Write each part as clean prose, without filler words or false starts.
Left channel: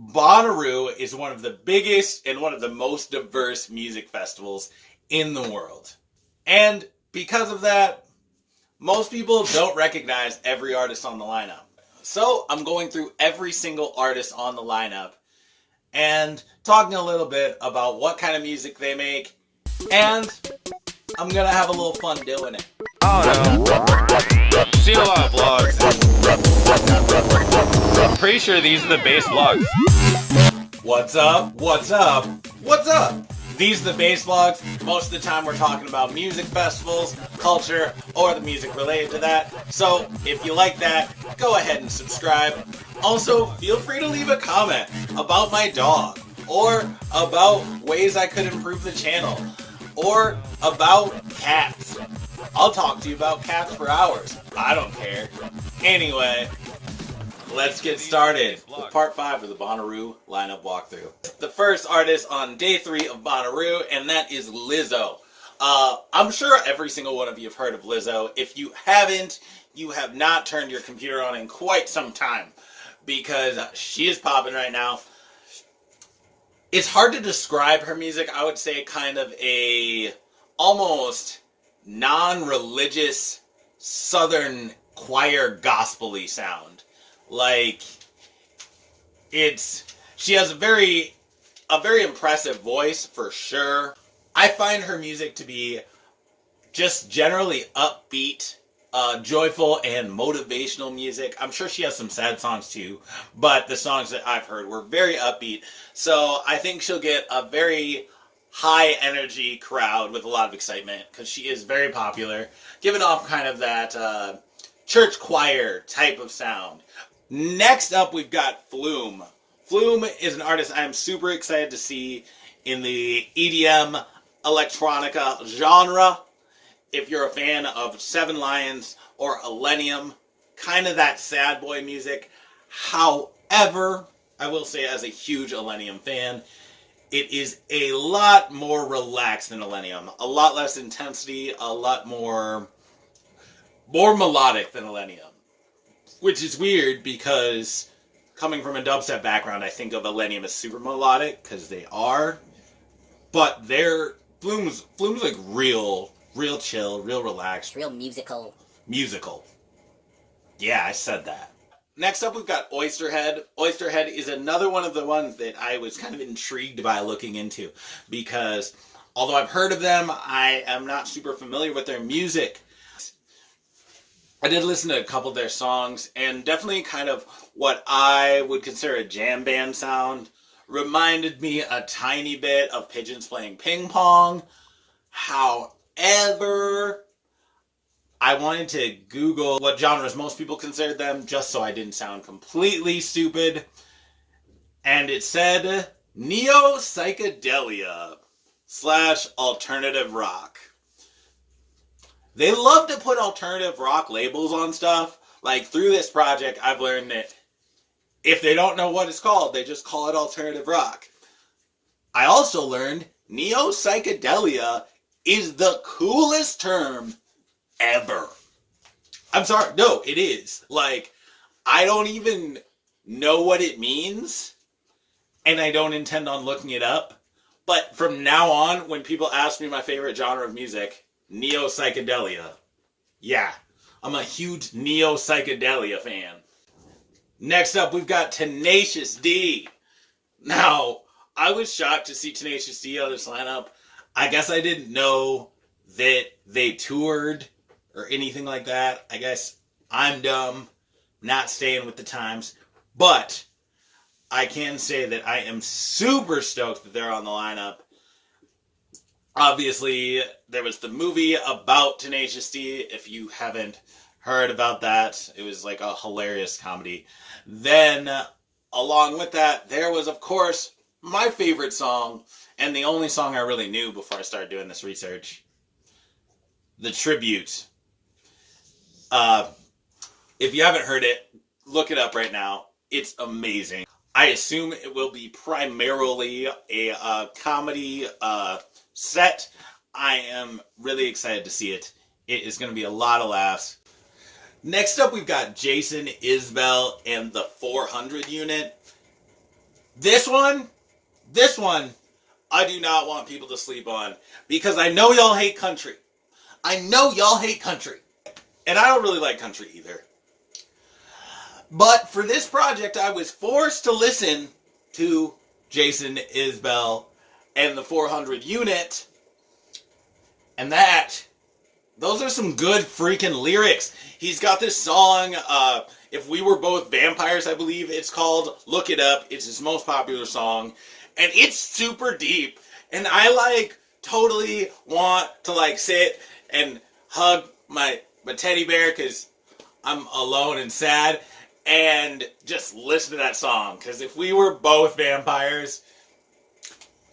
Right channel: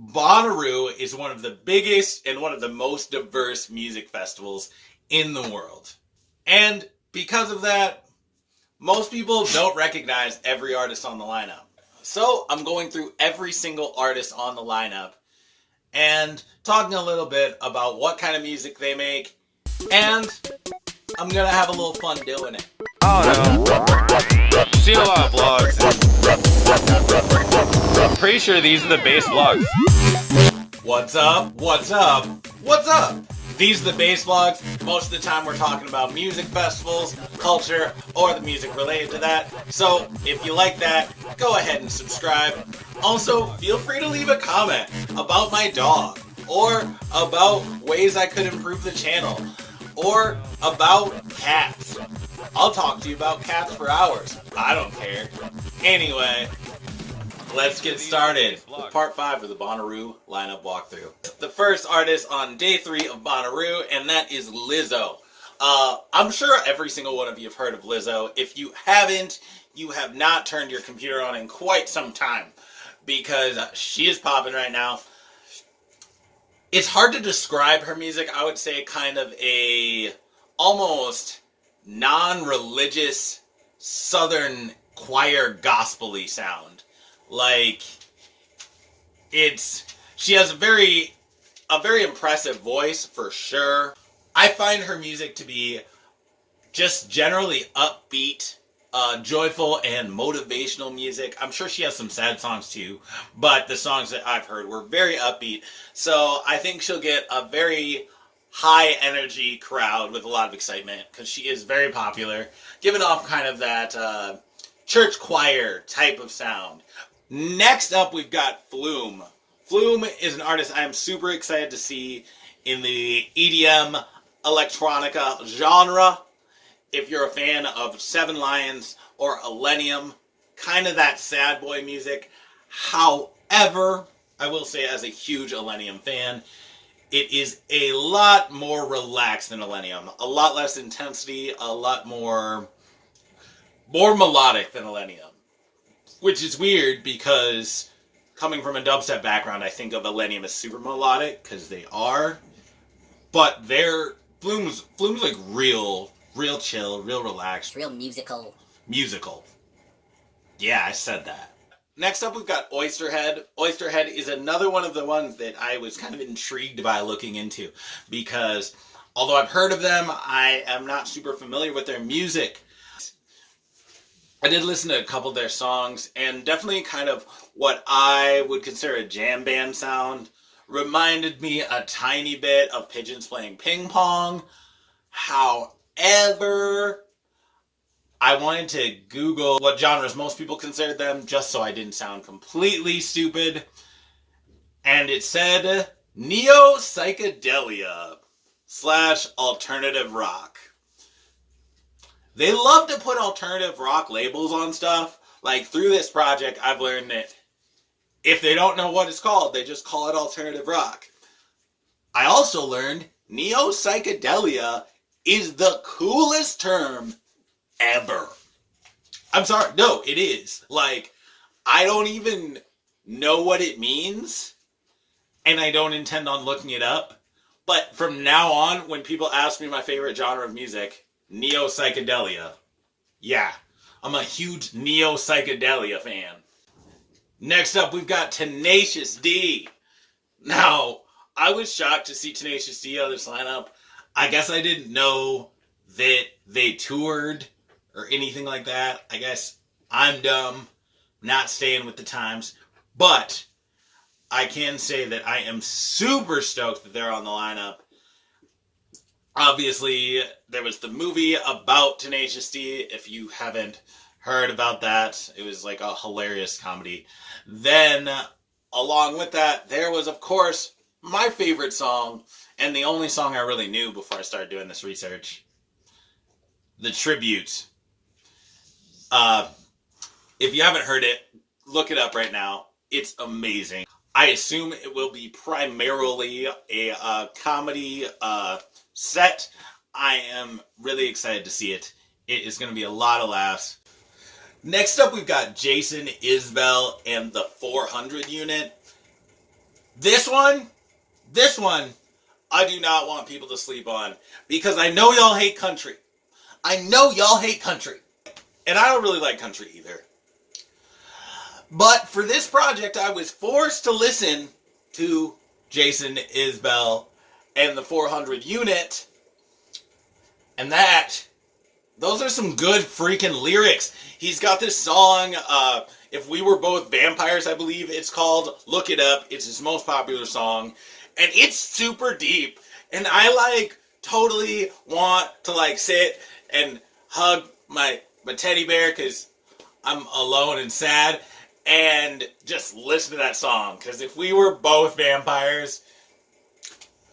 Bonnaroo is one of the biggest and one of the most diverse music festivals in the world. And because of that, most people don't recognize every artist on the lineup. So I'm going through every single artist on the lineup and talking a little bit about what kind of music they make, and I'm gonna have a little fun doing it. I don't know. Seen a lot of vlogs. I'm pretty sure these are the base vlogs. What's up? What's up? What's up? These are the base vlogs. Most of the time we're talking about music festivals, culture, or the music related to that. So if you like that, go ahead and subscribe. Also, feel free to leave a comment about my dog, or about ways I could improve the channel, or about cats. I'll talk to you about cats for hours. I don't care. Anyway, let's get started with part 5 of the Bonnaroo lineup walkthrough. The first artist on day 3 of Bonnaroo, and that is Lizzo. I'm sure every single one of you have heard of Lizzo. If you haven't, you have not turned your computer on in quite some time, because she is popping right now. It's hard to describe her music. I would say kind of a almost non-religious southern choir gospel-y sound. Like, she has a very impressive voice for sure. I find her music to be just generally upbeat, joyful, and motivational music. I'm sure she has some sad songs too, but the songs that I've heard were very upbeat. So I think she'll get a very high energy crowd with a lot of excitement, because she is very popular, giving off kind of that church choir type of sound. Next up, we've got Floom. Floom is an artist I am super excited to see in the EDM electronica genre. If you're a fan of Seven Lions or Illenium, kind of that sad boy music. However, I will say, as a huge Illenium fan, it is a lot more relaxed than Illenium. A lot less intensity, a lot more melodic than Illenium. Which is weird, because coming from a dubstep background, I think of Illenium as super melodic, because they are. But Floom's like real chill, real relaxed. Real musical. Musical. Yeah, I said that. Next up, we've got Oysterhead. Oysterhead is another one of the ones that I was kind of intrigued by looking into, because although I've heard of them, I am not super familiar with their music. I did listen to a couple of their songs, and definitely kind of what I would consider a jam band sound. Reminded me a tiny bit of pigeons playing ping pong. However, I wanted to Google what genres most people considered them, just so I didn't sound completely stupid. And it said neo-psychedelia / alternative rock. They love to put alternative rock labels on stuff. Like, through this project, I've learned that if they don't know what it's called, they just call it alternative rock. I also learned neo-psychedelia is the coolest term ever. I'm sorry. No, it is. Like, I don't even know what it means, and I don't intend on looking it up. But from now on, when people ask me my favorite genre of music, neo-psychedelia. Yeah, I'm a huge neo-psychedelia fan. Next up, we've got Tenacious D. Now, I was shocked to see Tenacious D on this lineup. I guess I didn't know that they toured or anything like that. I guess I'm dumb, not staying with the times. But I can say that I am super stoked that they're on the lineup. Obviously, there was the movie about Tenacious D. If you haven't heard about that, it was like a hilarious comedy. Then, along with that, there was, of course, my favorite song, and the only song I really knew before I started doing this research, the tribute. If you haven't heard it, look it up right now. It's amazing. I assume it will be primarily a comedy set. I am really excited to see it. It is going to be a lot of laughs. Next up, we've got Jason, Isbell, and the 400 unit. This one, I do not want people to sleep on because I know y'all hate country. I know y'all hate country. And I don't really like country either. But for this project, I was forced to listen to Jason Isbell and the 400 unit. And those are some good freaking lyrics. He's got this song, If We Were Both Vampires, I believe it's called. Look it up. It's his most popular song. And it's super deep. And I totally want to sit and hug my teddy bear because I'm alone and sad. And just listen to that song. Because if we were both vampires,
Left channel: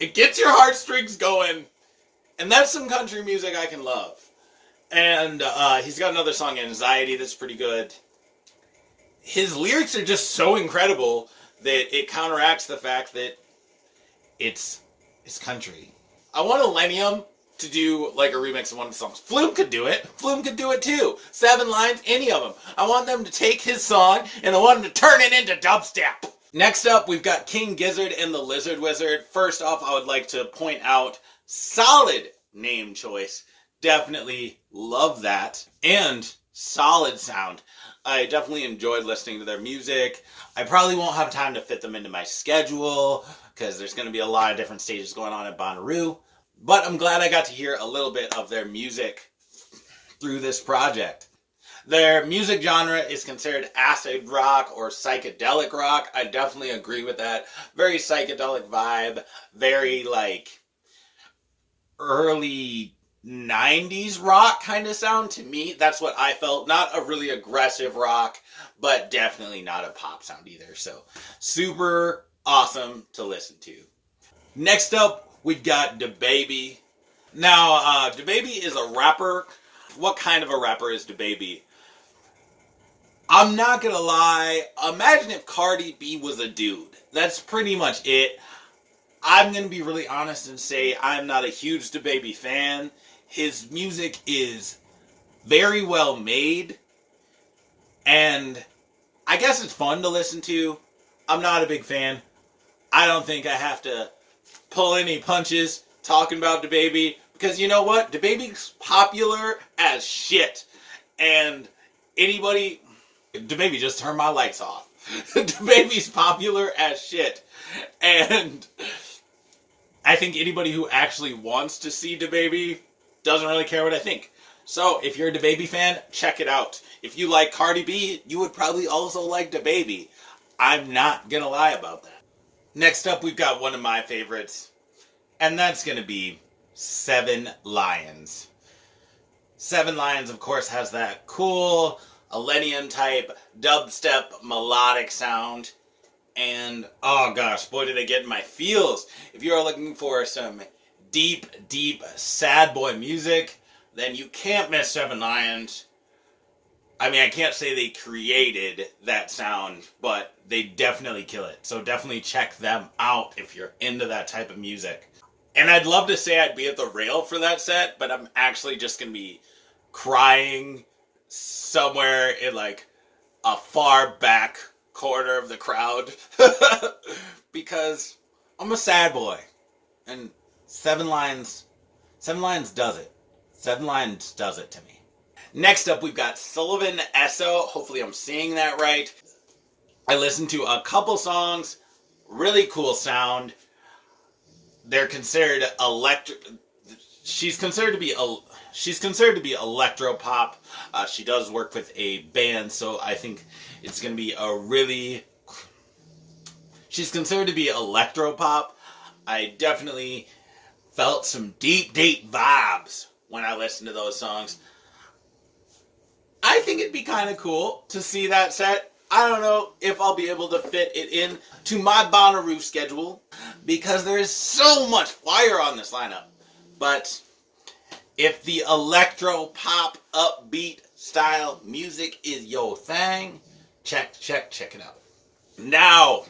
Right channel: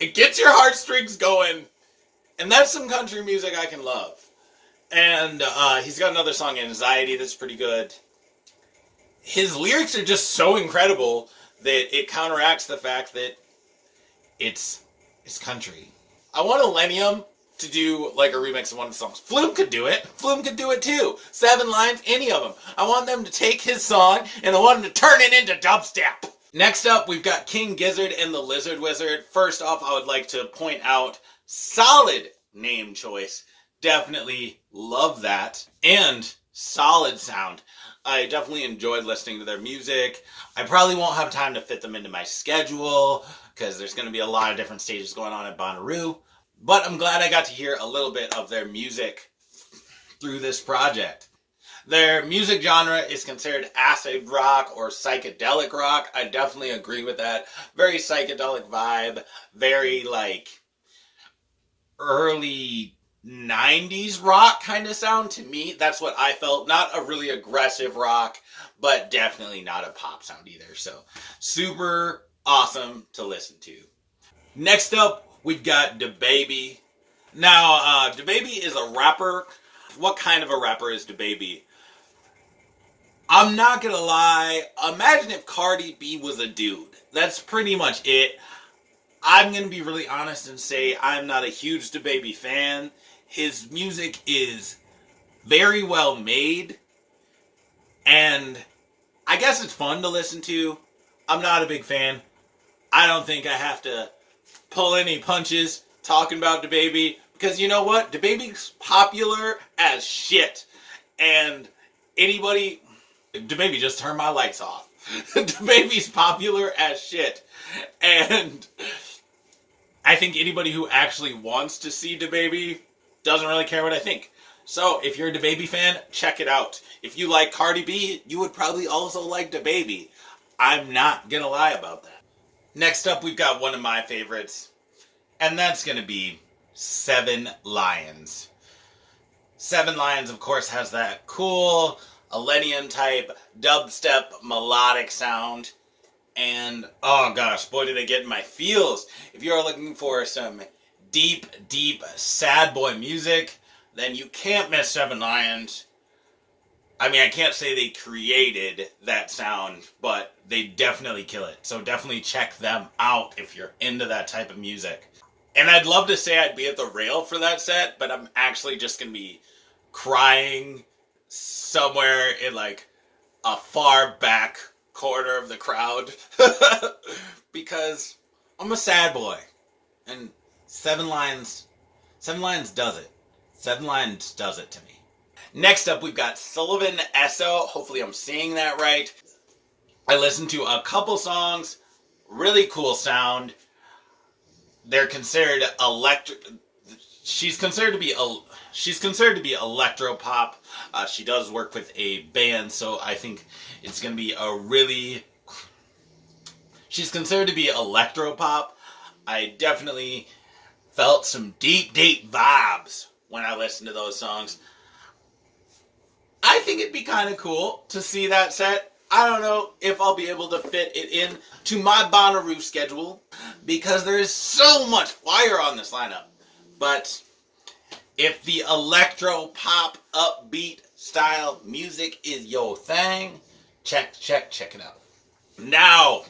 it gets your heartstrings going. And that's some country music I can love. And he's got another song, Anxiety, that's pretty good. His lyrics are just so incredible that it counteracts the fact that it's country. I want Millennium to do a remix of one of the songs. Floom could do it. Floom could do it too. 7 lines, any of them. I want them to take his song and I want them to turn it into dubstep. Next up, we've got King Gizzard and the Lizard Wizard. First off, I would like to point out, solid name choice. Definitely love that. And solid sound. I definitely enjoyed listening to their music. I probably won't have time to fit them into my schedule because there's going to be a lot of different stages going on at Bonnaroo. But I'm glad I got to hear a little bit of their music through this project. Their music genre is considered acid rock or psychedelic rock. I definitely agree with that. Very psychedelic vibe. Very early 90s rock kind of sound to me. That's what I felt. Not a really aggressive rock, but definitely not a pop sound either. So super awesome to listen to. Next up, we've got DaBaby. Now, DaBaby is a rapper. What kind of a rapper is DaBaby? I'm not gonna lie. Imagine if Cardi B was a dude. That's pretty much it. I'm gonna be really honest and say I'm not a huge DaBaby fan. His music is very well made, and I guess it's fun to listen to. I'm not a big fan. I don't think I have to pull any punches talking about DaBaby, because you know what? DaBaby's popular as shit. And DaBaby just turned my lights off. DaBaby's popular as shit. And I think anybody who actually wants to see DaBaby doesn't really care what I think. So if you're a DaBaby fan, check it out. If you like Cardi B, you would probably also like DaBaby. I'm not gonna lie about that. Next up, we've got one of my favorites, and that's gonna be 7 Lions. 7 Lions, of course, has that cool Millennium type dubstep melodic sound. And oh gosh, boy did I get in my feels. If you're looking for some deep, deep sad boy music, then you can't miss 7 Lions. I mean, I can't say they created that sound, but they definitely kill it. So definitely check them out if you're into that type of music. And I'd love to say I'd be at the rail for that set, but I'm actually just going to be crying somewhere in a far back corner of the crowd because I'm a sad boy. And 7 Lions does it. 7 Lions does it to me. Next up, we've got Sullivan Esso. Hopefully I'm saying that right. I listened to a couple songs. Really cool sound. They're considered She's considered to be electro pop. She does work with a band, so I think it's going to be She's considered to be electro pop. I definitely felt some deep, deep vibes when I listened to those songs. I think it'd be kind of cool to see that set. I don't know if I'll be able to fit it in to my Bonnaroo schedule because there is so much fire on this lineup. But if the electro pop upbeat style music is your thing, check it out. Now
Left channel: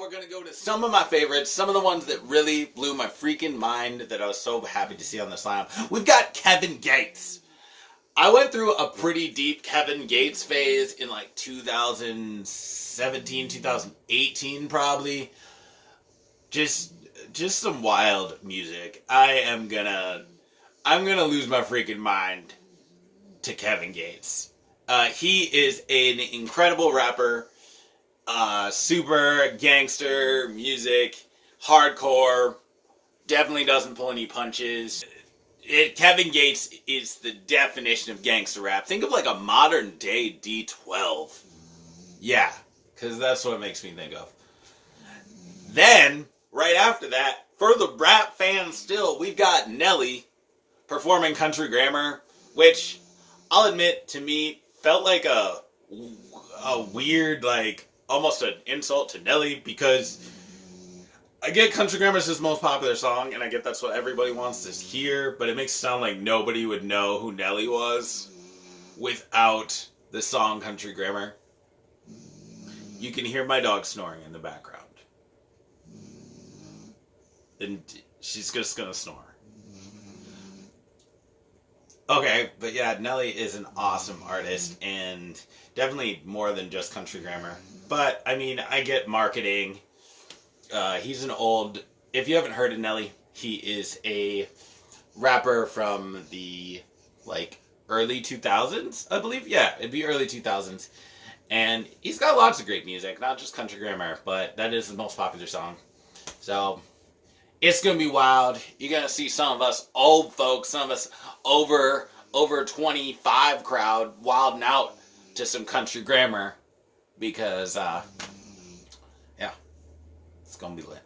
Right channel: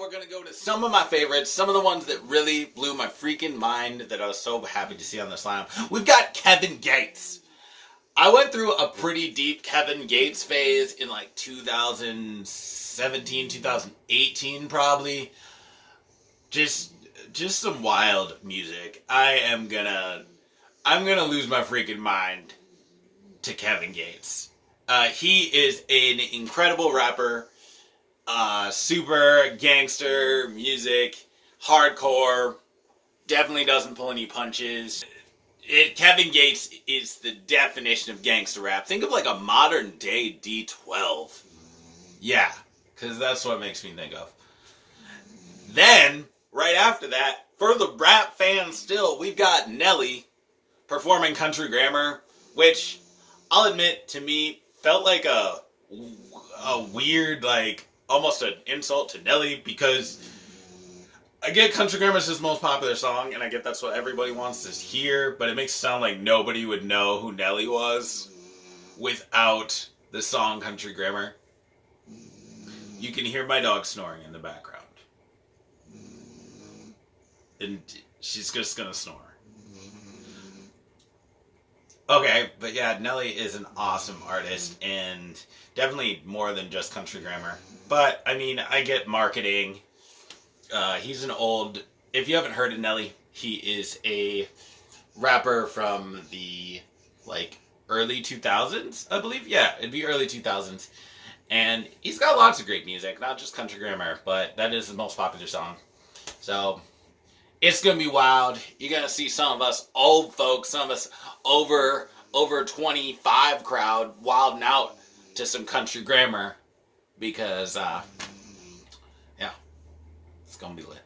we're going to go to some of my favorites, some of the ones that really blew my freaking mind that I was so happy to see on this lineup. We've got Kevin Gates. I went through a pretty deep Kevin Gates phase in 2006. 2017, 2018 probably. Just some wild music. I'm gonna lose my freaking mind to Kevin Gates. He is an incredible rapper. Super gangster music, hardcore. Definitely doesn't pull any punches. Kevin Gates is the definition of gangster rap. Think of like a modern day D12. Yeah, because that's what it makes me think of. Then, right after that, for the rap fans still, we've got Nelly performing Country Grammar, which I'll admit to me felt like a weird, like almost an insult to Nelly, because I get Country Grammar is his most popular song, and I get that's what everybody wants to hear, but it makes it sound like nobody would know who Nelly was without the song Country Grammar. You can hear my dog snoring in the background. And she's just gonna snore. Okay, but yeah, Nelly is an awesome artist, and definitely more than just Country Grammar. But, I mean, I get marketing. He's an old... If you haven't heard of Nelly, he is a rapper from the, like, early 2000s, I believe. Yeah, it'd be early 2000s. And he's got lots of great music, not just Country Grammar, but that is the most popular song. So, it's going to be wild. You're going to see some of us old folks, some of us over 25 crowd wilding out to some Country Grammar because, yeah, it's going to be lit.